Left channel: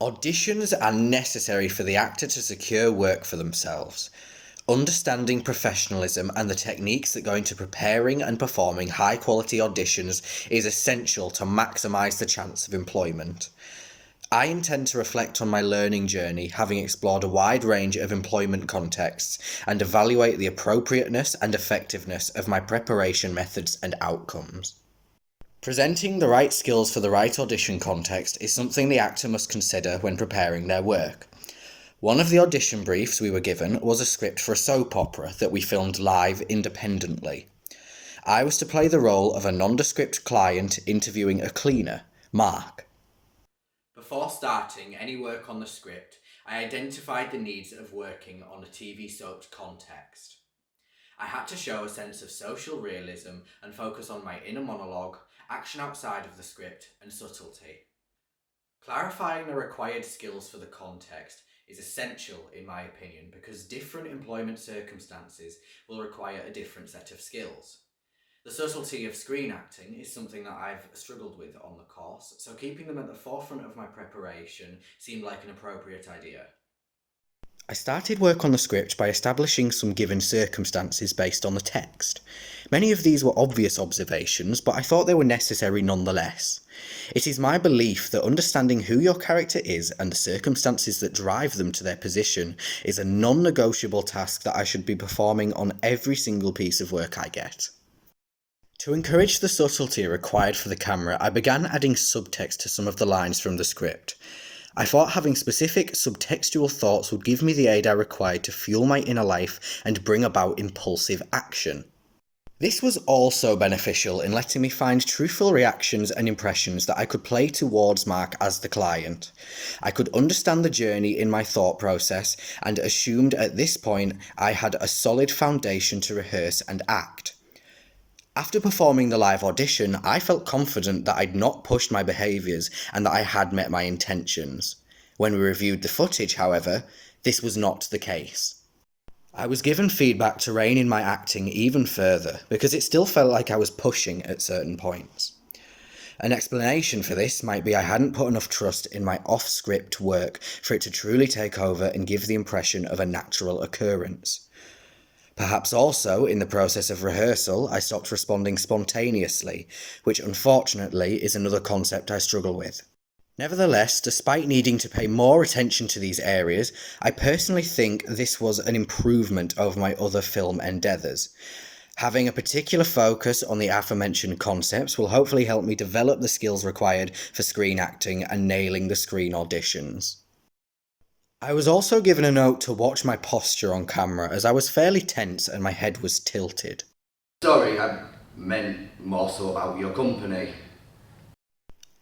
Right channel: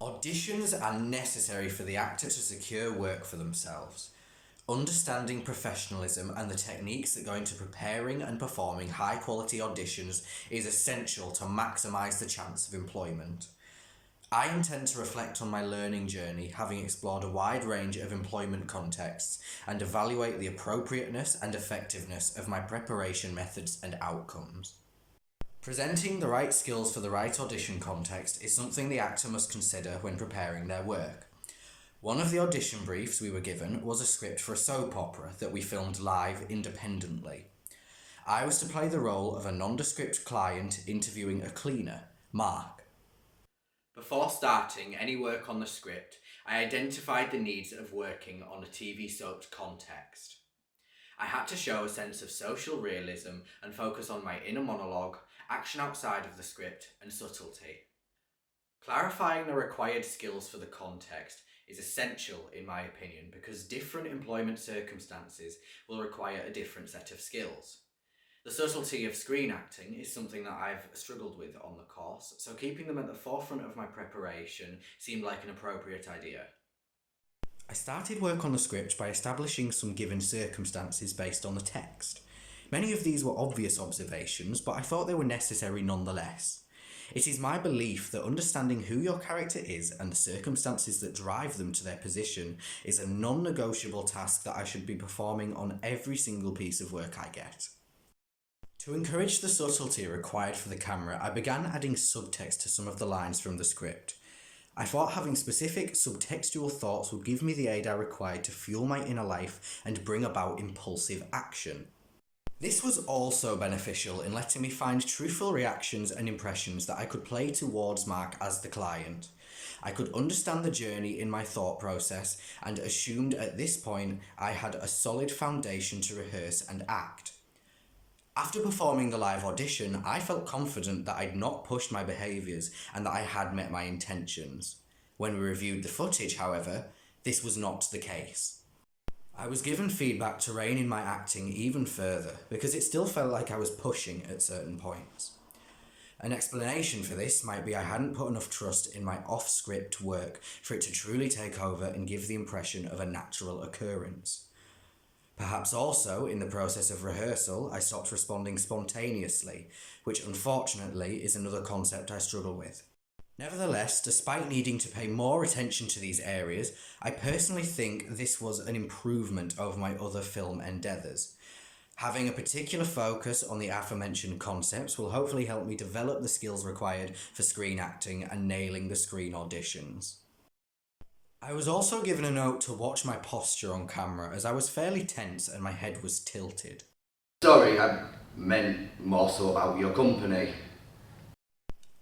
Auditions are necessary for the actor to secure work for themselves. Understanding professionalism and the techniques that go into preparing and performing high quality auditions is essential to maximise the chance of employment. I intend to reflect on my learning journey, having explored a wide range of employment contexts, and evaluate the appropriateness and effectiveness of my preparation methods and outcomes. Presenting the right skills for the right audition context is something the actor must consider when preparing their work. One of the audition briefs we were given was a script for a soap opera that we filmed live independently. I was to play the role of a nondescript client interviewing a cleaner, Mark. Before starting any work on the script, I identified the needs of working on a TV soap context. I had to show a sense of social realism and focus on my inner monologue, action outside of the script, and subtlety. Clarifying the required skills for the context is essential in my opinion because different employment circumstances will require a different set of skills. The subtlety of screen acting is something that I've struggled with on the course, so keeping them at the forefront of my preparation seemed like an appropriate idea. I started work on the script by establishing some given circumstances based on the text. Many of these were obvious observations, but I thought they were necessary nonetheless. It is my belief that understanding who your character is and the circumstances that drive them to their position is a non-negotiable task that I should be performing on every single piece of work I get. To encourage the subtlety required for the camera, I began adding subtext to some of the lines from the script. I thought having specific subtextual thoughts would give me the aid I required to fuel my inner life and bring about impulsive action. This was also beneficial in letting me find truthful reactions and impressions that I could play towards Mark as the client. I could understand the journey in my thought process and assumed at this point I had a solid foundation to rehearse and act. After performing the live audition, I felt confident that I'd not pushed my behaviours and that I had met my intentions. When we reviewed the footage, however, this was not the case. I was given feedback to rein in my acting even further because it still felt like I was pushing at certain points. An explanation for this might be I hadn't put enough trust in my off-script work for it to truly take over and give the impression of a natural occurrence. Perhaps also, in the process of rehearsal, I stopped responding spontaneously, which unfortunately is another concept I struggle with. Nevertheless, despite needing to pay more attention to these areas, I personally think this was an improvement over my other film endeavours. Having a particular focus on the aforementioned concepts will hopefully help me develop the skills required for screen acting and nailing the screen auditions. I was also given a note to watch my posture on camera as I was fairly tense and my head was tilted. Sorry, I meant more so about your company.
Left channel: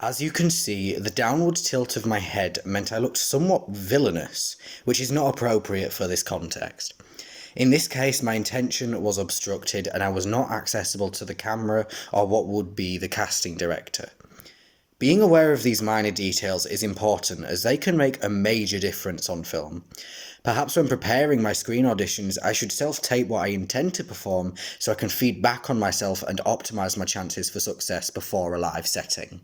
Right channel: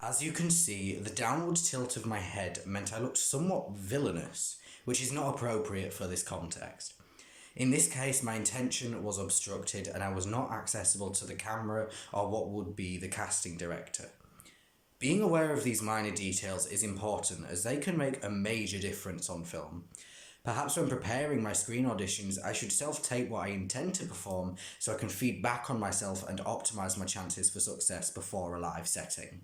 As you can see, the downward tilt of my head meant I looked somewhat villainous, which is not appropriate for this context. In this case, my intention was obstructed and I was not accessible to the camera or what would be the casting director. Being aware of these minor details is important as they can make a major difference on film. Perhaps when preparing my screen auditions, I should self-tape what I intend to perform so I can feed back on myself and optimise my chances for success before a live setting.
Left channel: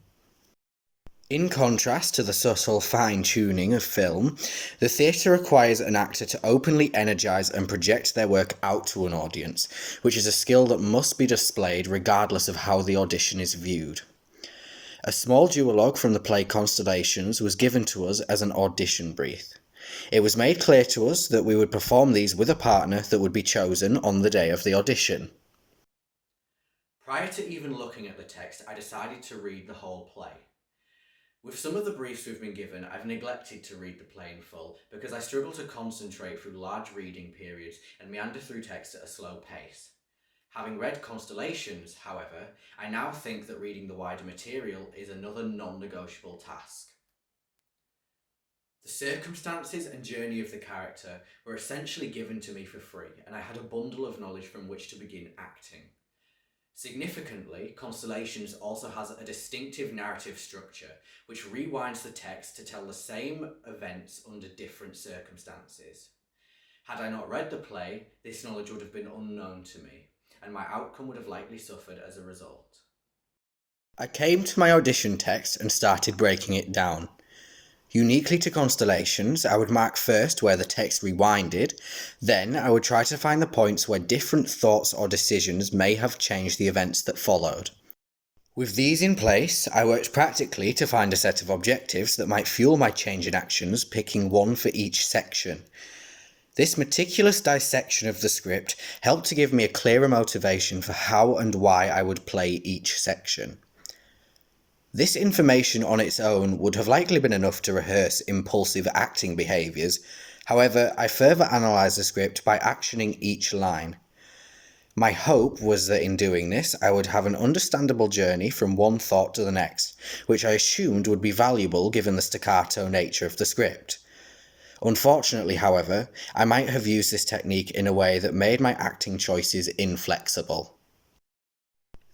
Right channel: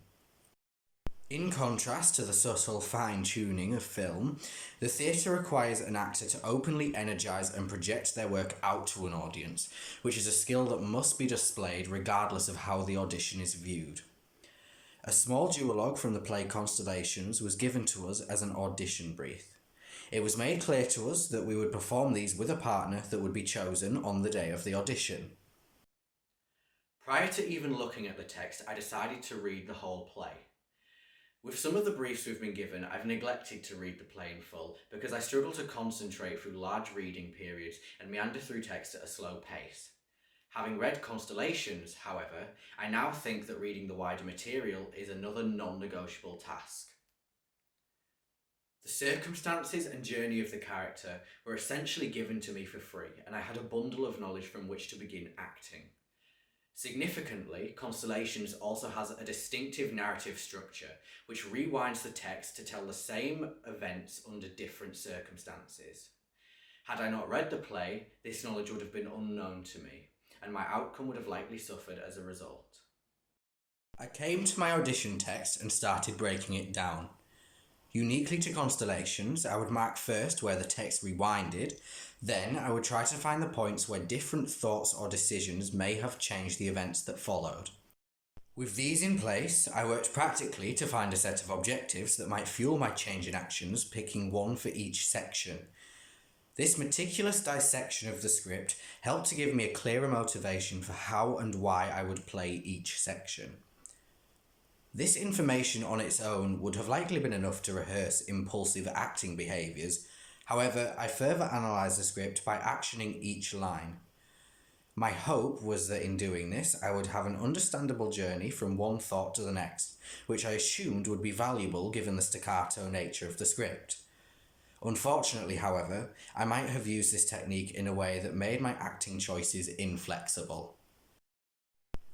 In contrast to the subtle fine-tuning of film, the theatre requires an actor to openly energise and project their work out to an audience, which is a skill that must be displayed regardless of how the audition is viewed. A small duologue from the play Constellations was given to us as an audition brief. It was made clear to us that we would perform these with a partner that would be chosen on the day of the audition. Prior to even looking at the text, I decided to read the whole play. With some of the briefs we've been given, I've neglected to read the play in full because I struggle to concentrate through large reading periods and meander through text at a slow pace. Having read Constellations, however, I now think that reading the wider material is another non-negotiable task. The circumstances and journey of the character were essentially given to me for free, and I had a bundle of knowledge from which to begin acting. Significantly, Constellations also has a distinctive narrative structure, which rewinds the text to tell the same events under different circumstances. Had I not read the play, this knowledge would have been unknown to me, and my outcome would have likely suffered as a result. I came to my audition text and started breaking it down. Uniquely to constellations, I would mark first where the text rewinded, then I would try to find the points where different thoughts or decisions may have changed the events that followed. With these in place, I worked practically to find a set of objectives that might fuel my change in actions, picking one for each section. This meticulous dissection of the script helped to give me a clearer motivation for how and why I would play each section. This information on its own would have likely been enough to rehearse impulsive acting behaviours. However, I further analysed the script by actioning each line. My hope was that in doing this, I would have an understandable journey from one thought to the next, which I assumed would be valuable given the staccato nature of the script. Unfortunately, however, I might have used this technique in a way that made my acting choices inflexible.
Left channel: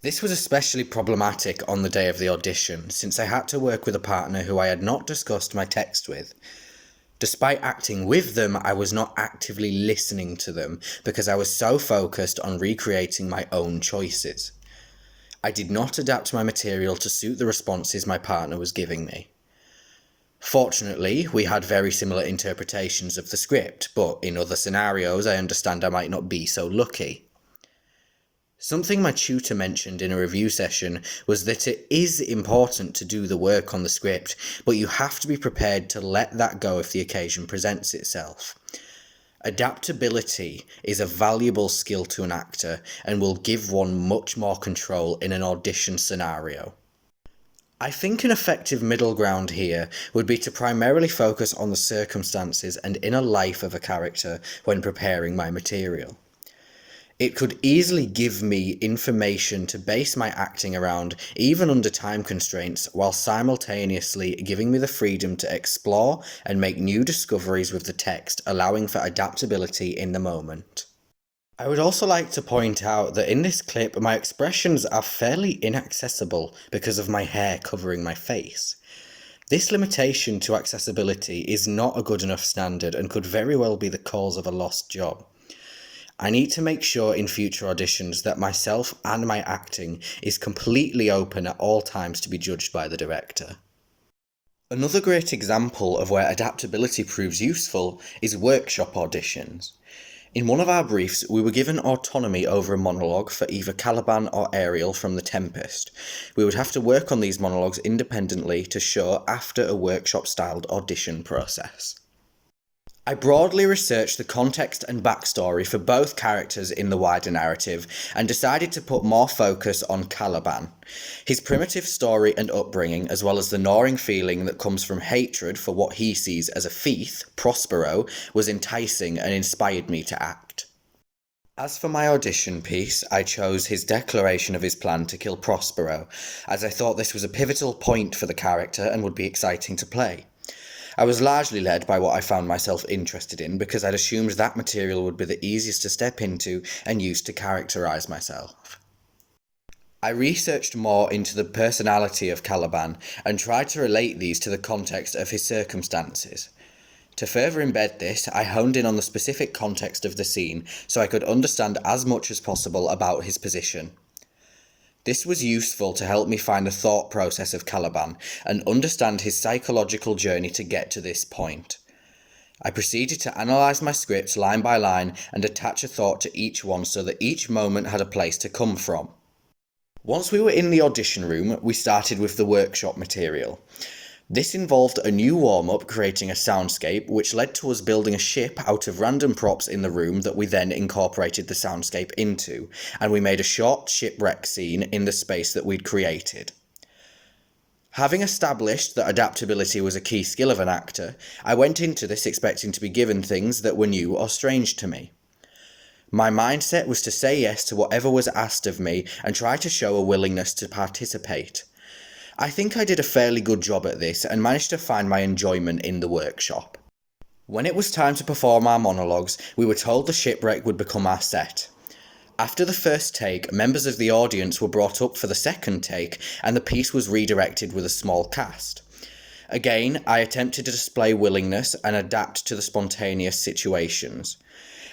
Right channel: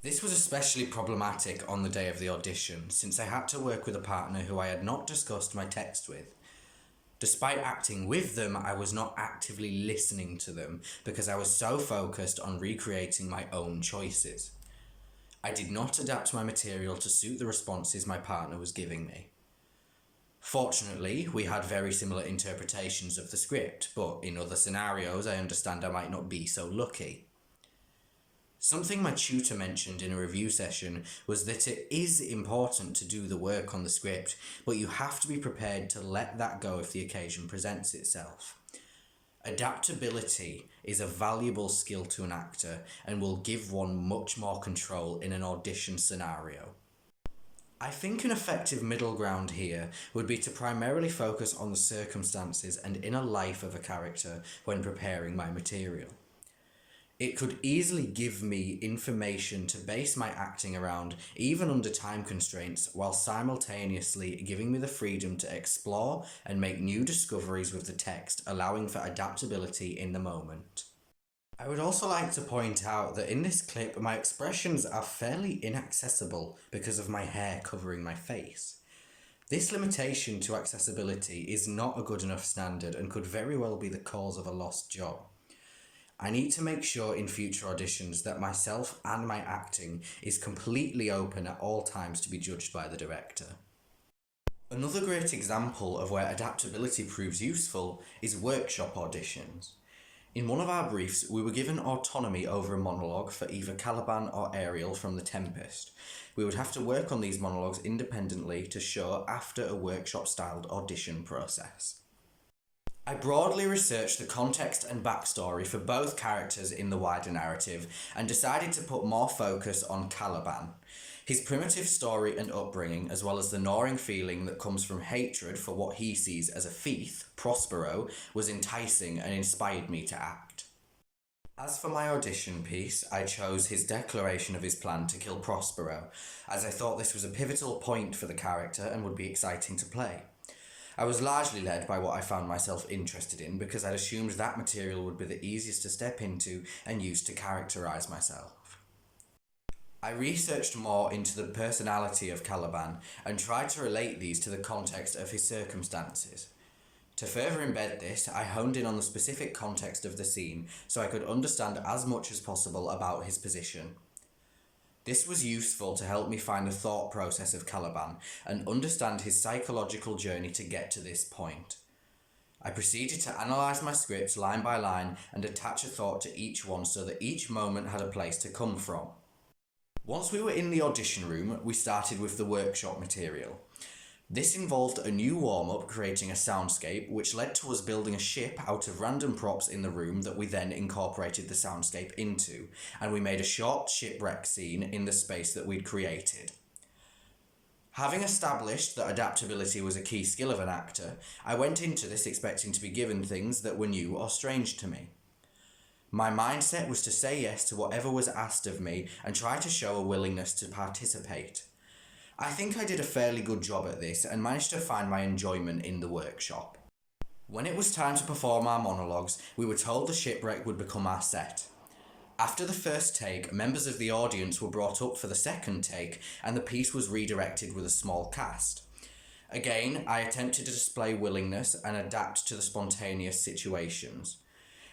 This was especially problematic on the day of the audition, since I had to work with a partner who I had not discussed my text with. Despite acting with them, I was not actively listening to them because I was so focused on recreating my own choices. I did not adapt my material to suit the responses my partner was giving me. Fortunately, we had very similar interpretations of the script, but in other scenarios I understand I might not be so lucky. Something my tutor mentioned in a review session was that it is important to do the work on the script, but you have to be prepared to let that go if the occasion presents itself. Adaptability is a valuable skill to an actor and will give one much more control in an audition scenario. I think an effective middle ground here would be to primarily focus on the circumstances and inner life of a character when preparing my material. It could easily give me information to base my acting around, even under time constraints, while simultaneously giving me the freedom to explore and make new discoveries with the text, allowing for adaptability in the moment. I would also like to point out that in this clip, my expressions are fairly inaccessible because of my hair covering my face. This limitation to accessibility is not a good enough standard and could very well be the cause of a lost job. I need to make sure in future auditions that myself and my acting is completely open at all times to be judged by the director. Another great example of where adaptability proves useful is workshop auditions. In one of our briefs, we were given autonomy over a monologue for either Caliban or Ariel from The Tempest. We would have to work on these monologues independently to show after a workshop-styled audition process. I broadly researched the context and backstory for both characters in the wider narrative and decided to put more focus on Caliban. His primitive story and upbringing, as well as the gnawing feeling that comes from hatred for what he sees as a thief, Prospero, was enticing and inspired me to act. As for my audition piece, I chose his declaration of his plan to kill Prospero, as I thought this was a pivotal point for the character and would be exciting to play. I was largely led by what I found myself interested in because I'd assumed that material would be the easiest to step into and use to characterise myself. I researched more into the personality of Caliban and tried to relate these to the context of his circumstances. To further embed this, I honed in on the specific context of the scene so I could understand as much as possible about his position. This was useful to help me find the thought process of Caliban and understand his psychological journey to get to this point. I proceeded to analyse my scripts line by line and attach a thought to each one so that each moment had a place to come from. Once we were in the audition room, we started with the workshop material. This involved a new warm-up creating a soundscape, which led to us building a ship out of random props in the room that we then incorporated the soundscape into, and we made a short shipwreck scene in the space that we'd created. Having established that adaptability was a key skill of an actor, I went into this expecting to be given things that were new or strange to me. My mindset was to say yes to whatever was asked of me and try to show a willingness to participate. I think I did a fairly good job at this and managed to find my enjoyment in the workshop. When it was time to perform our monologues, we were told the shipwreck would become our set. After the first take, members of the audience were brought up for the second take and the piece was redirected with a small cast. Again, I attempted to display willingness and adapt to the spontaneous situations.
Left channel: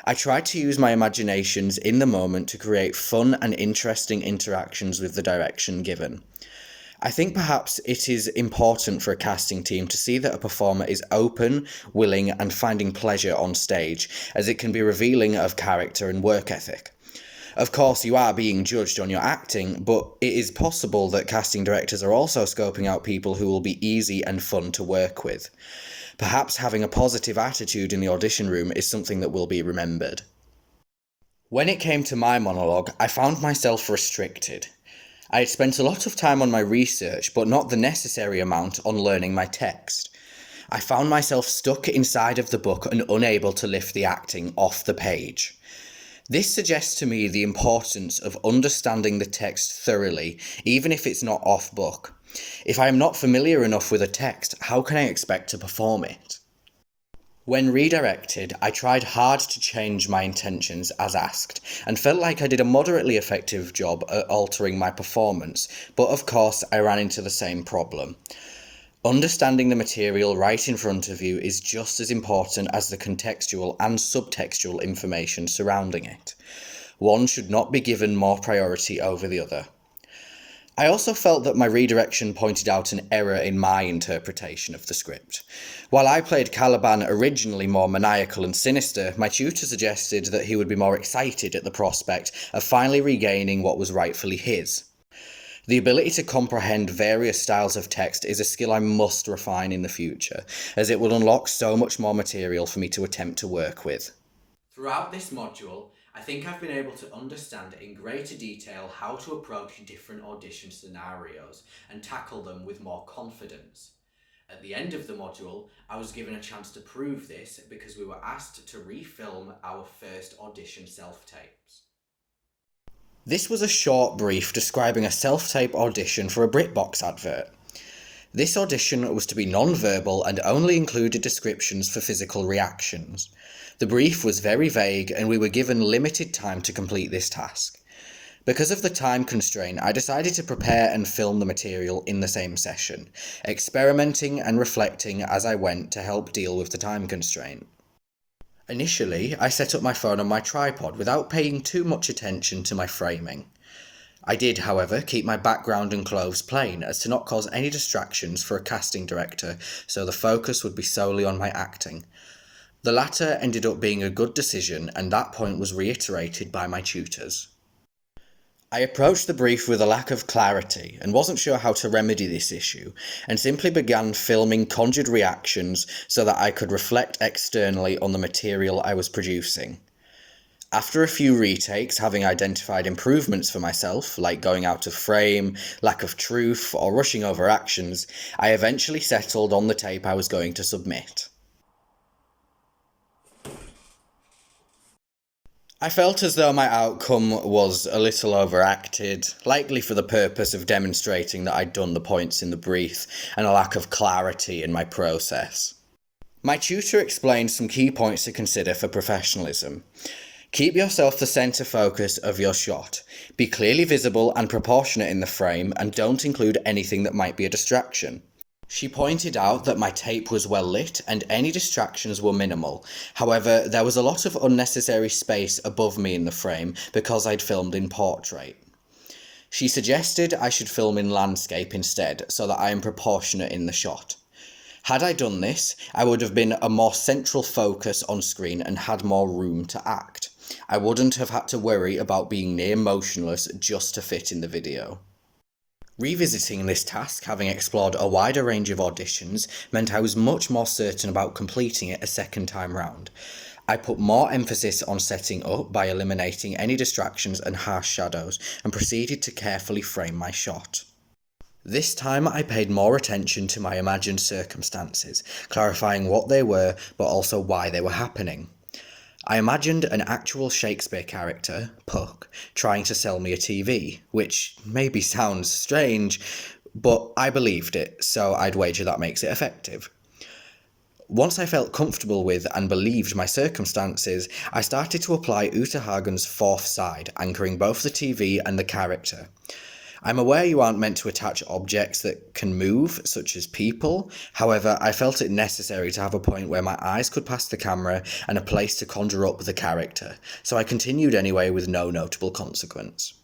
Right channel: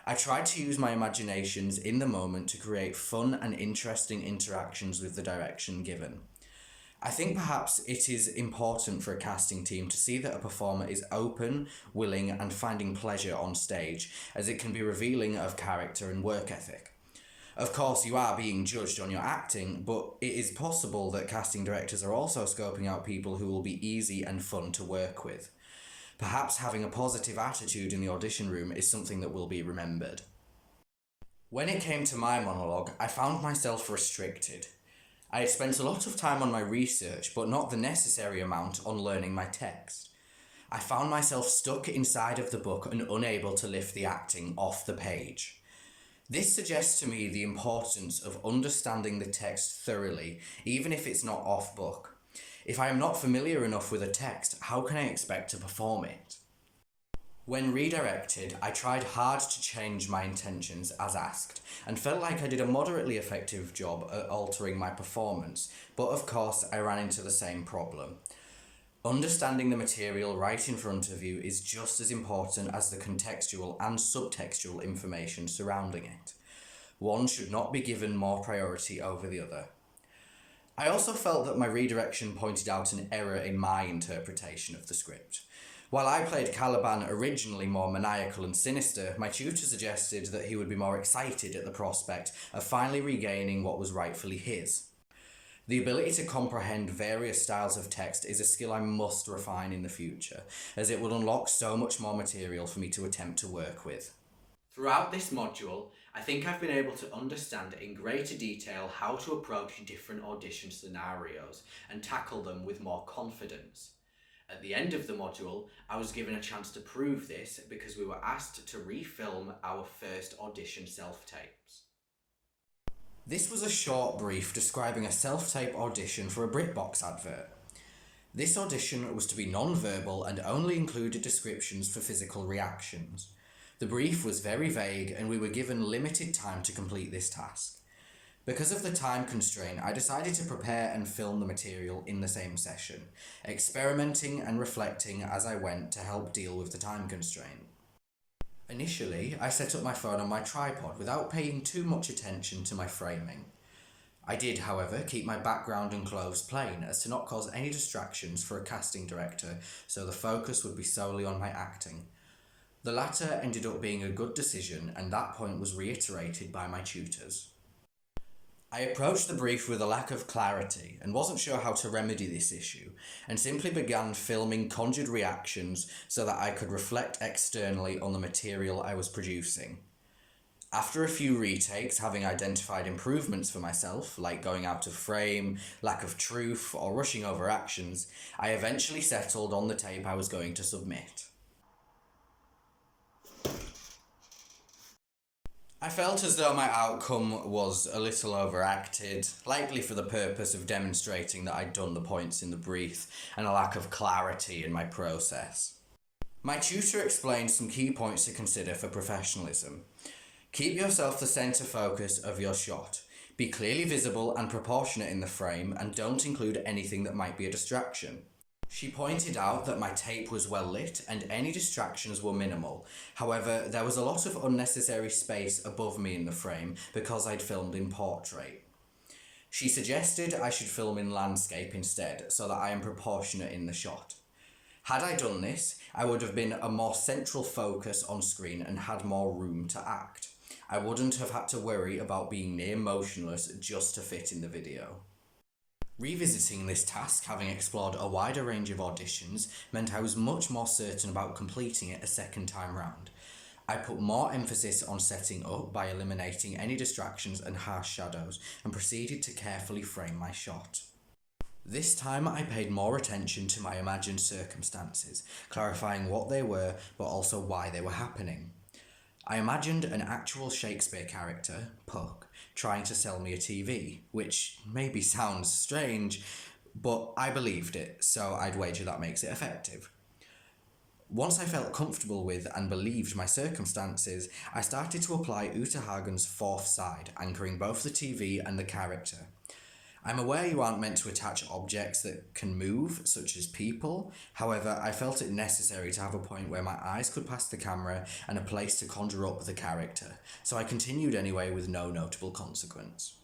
I tried to use my imaginations in the moment to create fun and interesting interactions with the direction given. I think perhaps it is important for a casting team to see that a performer is open, willing, and finding pleasure on stage, as it can be revealing of character and work ethic. Of course, you are being judged on your acting, but it is possible that casting directors are also scoping out people who will be easy and fun to work with. Perhaps having a positive attitude in the audition room is something that will be remembered. When it came to my monologue, I found myself restricted. I had spent a lot of time on my research, but not the necessary amount on learning my text. I found myself stuck inside of the book and unable to lift the acting off the page. This suggests to me the importance of understanding the text thoroughly, even if it's not off book. If I am not familiar enough with a text, how can I expect to perform it? When redirected, I tried hard to change my intentions as asked, and felt like I did a moderately effective job at altering my performance, but of course I ran into the same problem. Understanding the material right in front of you is just as important as the contextual and subtextual information surrounding it. One should not be given more priority over the other. I also felt that my redirection pointed out an error in my interpretation of the script. While I played Caliban originally more maniacal and sinister, my tutor suggested that he would be more excited at the prospect of finally regaining what was rightfully his. The ability to comprehend various styles of text is a skill I must refine in the future, as it will unlock so much more material for me to attempt to work with. Throughout this module, I think I've been able to understand in greater detail how to approach different audition scenarios and tackle them with more confidence. At the end of the module, I was given a chance to prove this because we were asked to refilm our first audition self-tapes. This was a short brief describing a self-tape audition for a BritBox advert. This audition was to be non-verbal and only included descriptions for physical reactions. The brief was very vague and we were given limited time to complete this task. Because of the time constraint, I decided to prepare and film the material in the same session, experimenting and reflecting as I went to help deal with the time constraint. Initially, I set up my phone on my tripod without paying too much attention to my framing. I did, however, keep my background and clothes plain as to not cause any distractions for a casting director, so the focus would be solely on my acting. The latter ended up being a good decision, and that point was reiterated by my tutors. I approached the brief with a lack of clarity and wasn't sure how to remedy this issue, and simply began filming conjured reactions so that I could reflect externally on the material I was producing. After a few retakes, having identified improvements for myself, like going out of frame, lack of truth, or rushing over actions, I eventually settled on the tape I was going to submit. I felt as though my outcome was a little overacted, likely for the purpose of demonstrating that I'd done the points in the brief and a lack of clarity in my process. My tutor explained some key points to consider for professionalism. Keep yourself the centre focus of your shot. Be clearly visible and proportionate in the frame, and don't include anything that might be a distraction. She pointed out that my tape was well lit and any distractions were minimal. However, there was a lot of unnecessary space above me in the frame because I'd filmed in portrait. She suggested I should film in landscape instead, so that I am proportionate in the shot. Had I done this, I would have been a more central focus on screen and had more room to act. I wouldn't have had to worry about being near motionless just to fit in the video. Revisiting this task, having explored a wider range of auditions, meant I was much more certain about completing it a second time round. I put more emphasis on setting up by eliminating any distractions and harsh shadows, and proceeded to carefully frame my shot. This time I paid more attention to my imagined circumstances, clarifying what they were, but also why they were happening. I imagined an actual Shakespeare character, Puck, trying to sell me a TV, which maybe sounds strange, but I believed it, so I'd wager that makes it effective. Once I felt comfortable with and believed my circumstances, I started to apply Uta Hagen's fourth side, anchoring both the TV and the character. I'm aware you aren't meant to attach objects that can move, such as people. However, I felt it necessary to have a point where my eyes could pass the camera and a place to conjure up the character, so I continued anyway with no notable consequence.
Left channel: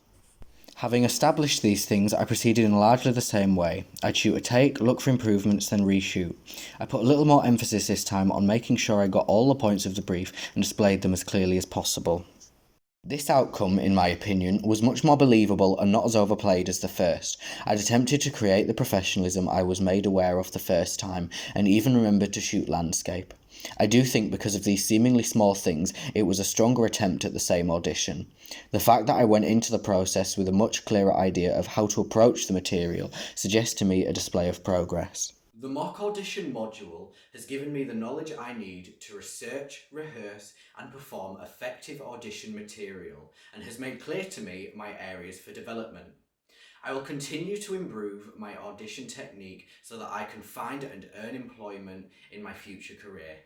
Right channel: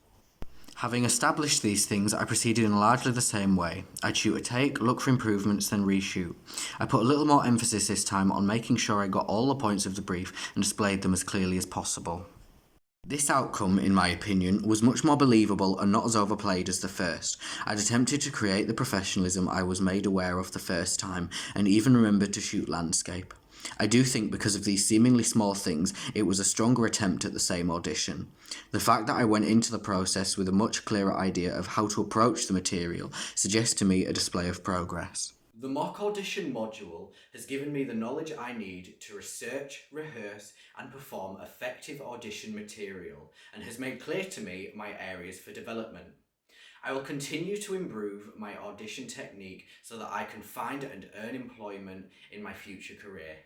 Having established these things, I proceeded in largely the same way. I'd shoot a take, look for improvements, then reshoot. I put a little more emphasis this time on making sure I got all the points of the brief and displayed them as clearly as possible. This outcome, in my opinion, was much more believable and not as overplayed as the first. I'd attempted to create the professionalism I was made aware of the first time, and even remembered to shoot landscape. I do think because of these seemingly small things, it was a stronger attempt at the same audition. The fact that I went into the process with a much clearer idea of how to approach the material suggests to me a display of progress. The mock audition module has given me the knowledge I need to research, rehearse, and perform effective audition material, and has made clear to me my areas for development. I will continue to improve my audition technique so that I can find and earn employment in my future career.